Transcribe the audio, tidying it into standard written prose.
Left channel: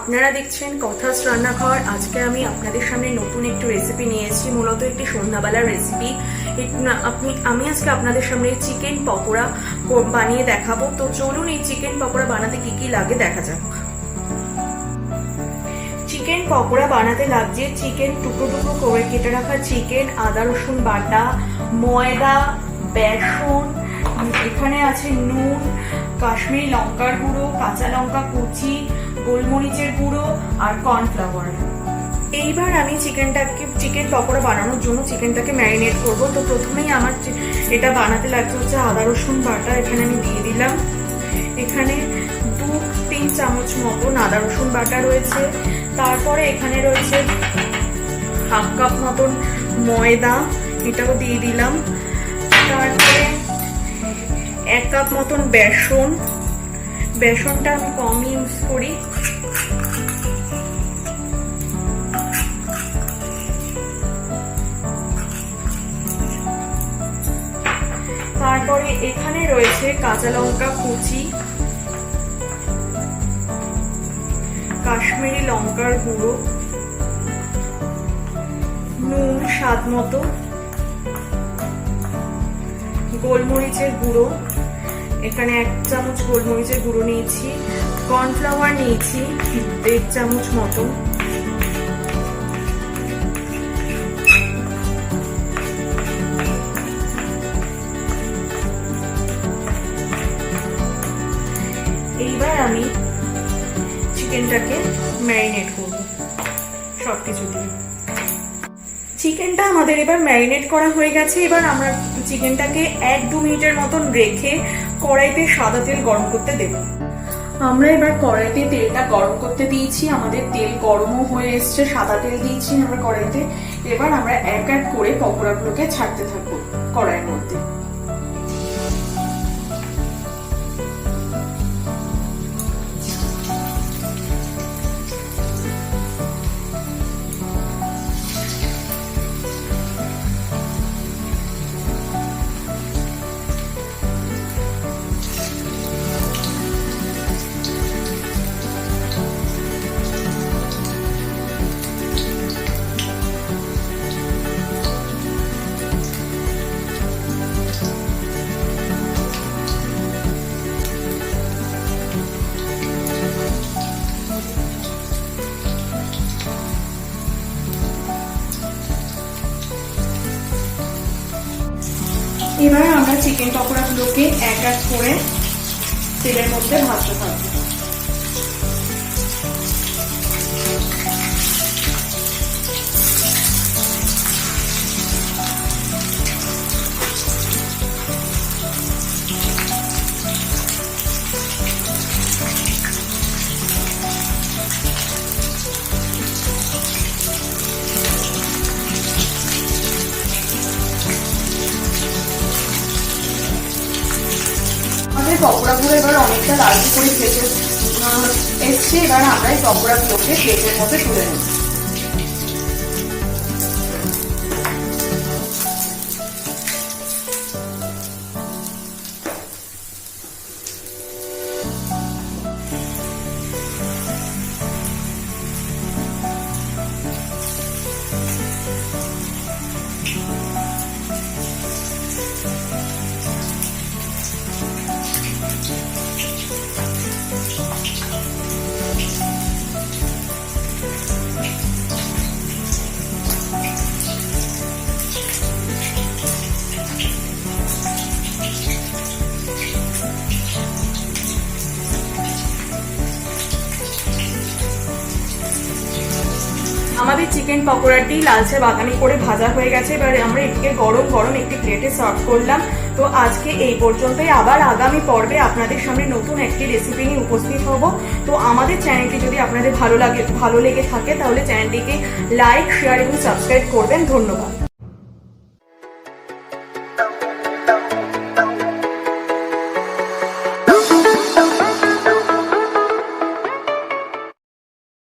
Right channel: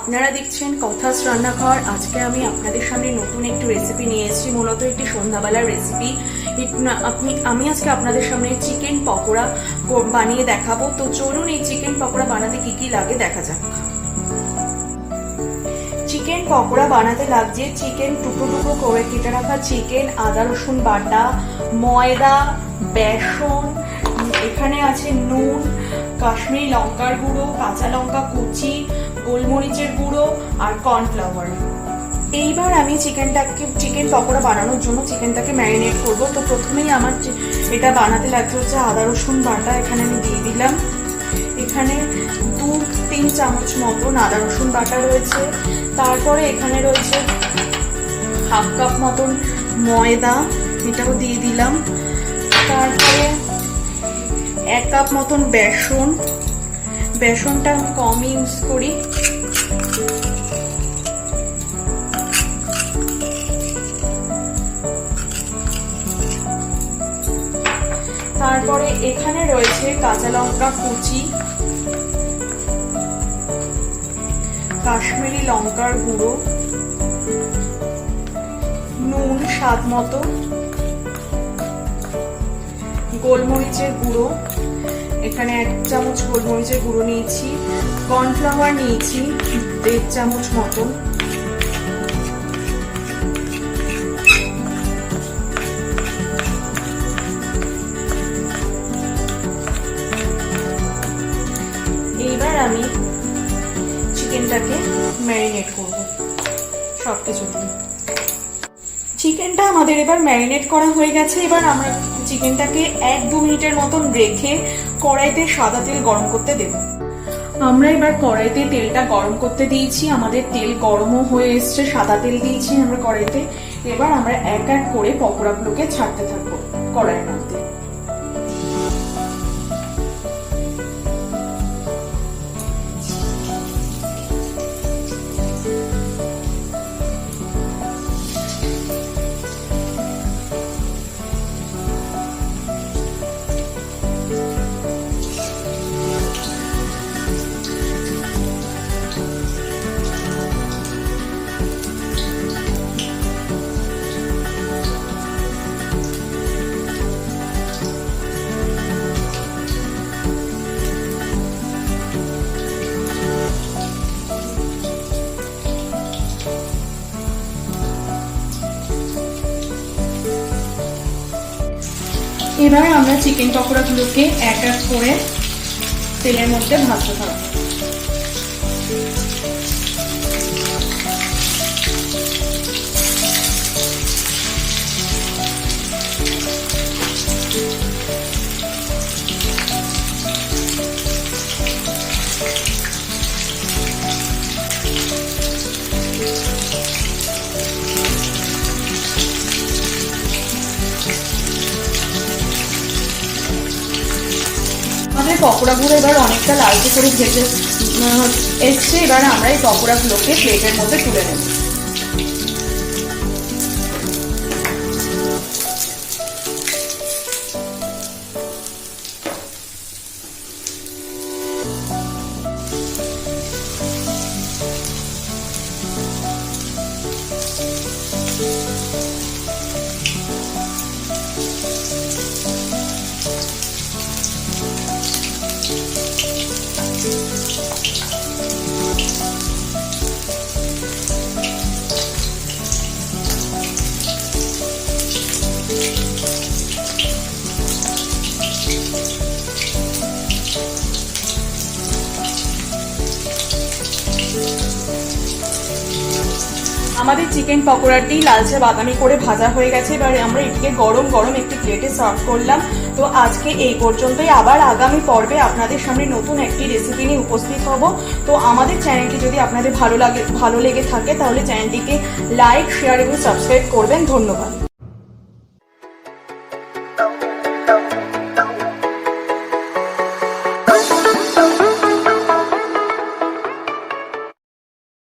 আপনারা দেখছেন কথাস রান্নাঘর। আজকে আমি আপনাদের সামনে নতুন একটি রেসিপি নিয়ে এসেছি, মূলত একটি সন্ধ্যাবেলার রেসিপি। আমি আজকে আপনাদের সামনে চিকেন পকোড়া বানিয়ে দেখাবো। তো চলুন এই চিকেন পকোড়া বানাতে কি কি লাগে দেখা যাক। চিকেন পকোড়া বানাতে লাগছে চিকেন টুকরো টুকরো করে কেটে রাখা চিকেন, আদা রসুন বাটা, ময়দা, বেসন, এখানে আছে নুন, কাশ্মীরি লঙ্কার গুঁড়ো, কাঁচা লঙ্কা কুচি, গোলমরিচের গুঁড়ো আর কর্নফ্লাওয়ার। এইবার আমি চিকেন পকোড়া বানানোর জন্য চিকেনটাকে ম্যারিনেট করব। তো প্রথমেই আমার এটা বানাতে লাগছে হচ্ছে আদা রসুন বাটা। এখানে আমি দিয়ে দিলাম, এখানে 2-3 চামচ মতন আদা রসুন বাটা রয়েছে। তারপরে এখানে রয়েছে হাফ কাপ মতন ময়দা, এটাও দিয়ে দিলাম। তারপরে 1 কাপ মতন বেসন, বেসনটা আমি কম ইউজ করি। তারপরে এখানে রয়েছে কাঁচা লঙ্কা কুচি, কাশ্মীরি লঙ্কার গুঁড়ো, নুন স্বাদ মতো, গোলমরিচের গুঁড়ো, এখানে 1 চামচ গোলমরিচের গুঁড়ো নিয়েছি, কর্নফ্লাওয়ার নিয়েছি 1.5 চামচ মতো, এইবার আমি চিকেনটাকে ম্যারিনেট করব সবকিছু দিয়ে। চিকেনটা আমাদের এবার ম্যারিনেট করা হয়ে গেছে। এবার আমরা চিকেনটাকে 1-2 মিনিটের মতন রেখে কড়াইতে সাদা তেল গরম করতে দেব। আমরা এবার কড়াইতে তেলটা গরম করতে দিয়েছি, আমাদের তেল গরমও হয়ে এসছে, সাদা তেল দিয়েছি আমরা কড়াইতে। এবার আমরা এক এক করে পকোড়াগুলোকে ছাড়তে থাকবো কড়াইয়ের মধ্যে। এবার আমরা চিকেন পকোড়াগুলোকে এক এক করে তেলের মধ্যে ভাজতে থাকবো। পকোড়াগুলো এবার অনেকটা লালচে করে ভেজে এসছে। এবার আমরা এই পকোড়াগুলোকে প্লেটের মধ্যে তুলে নেব। আমাদের চিকেন পকোড়াটি লালচে বাদামি করে ভাজা হয়ে গেছে। এবার আমরা এটিকে গরম গরম একটি প্লেটে সার্ভ করলাম। তো আজকে এই পর্যন্তই। আবার আগামী পর্বে আপনাদের সামনে নতুন একটি রেসিপি নিয়ে উপস্থিত হব। তো আমাদের চ্যানেলটি যদি আপনাদের ভালো লেগে থাকে তাহলে চ্যানেলটিকে লাইক, শেয়ার এবং সাবস্ক্রাইব করবেন। ধন্যবাদ।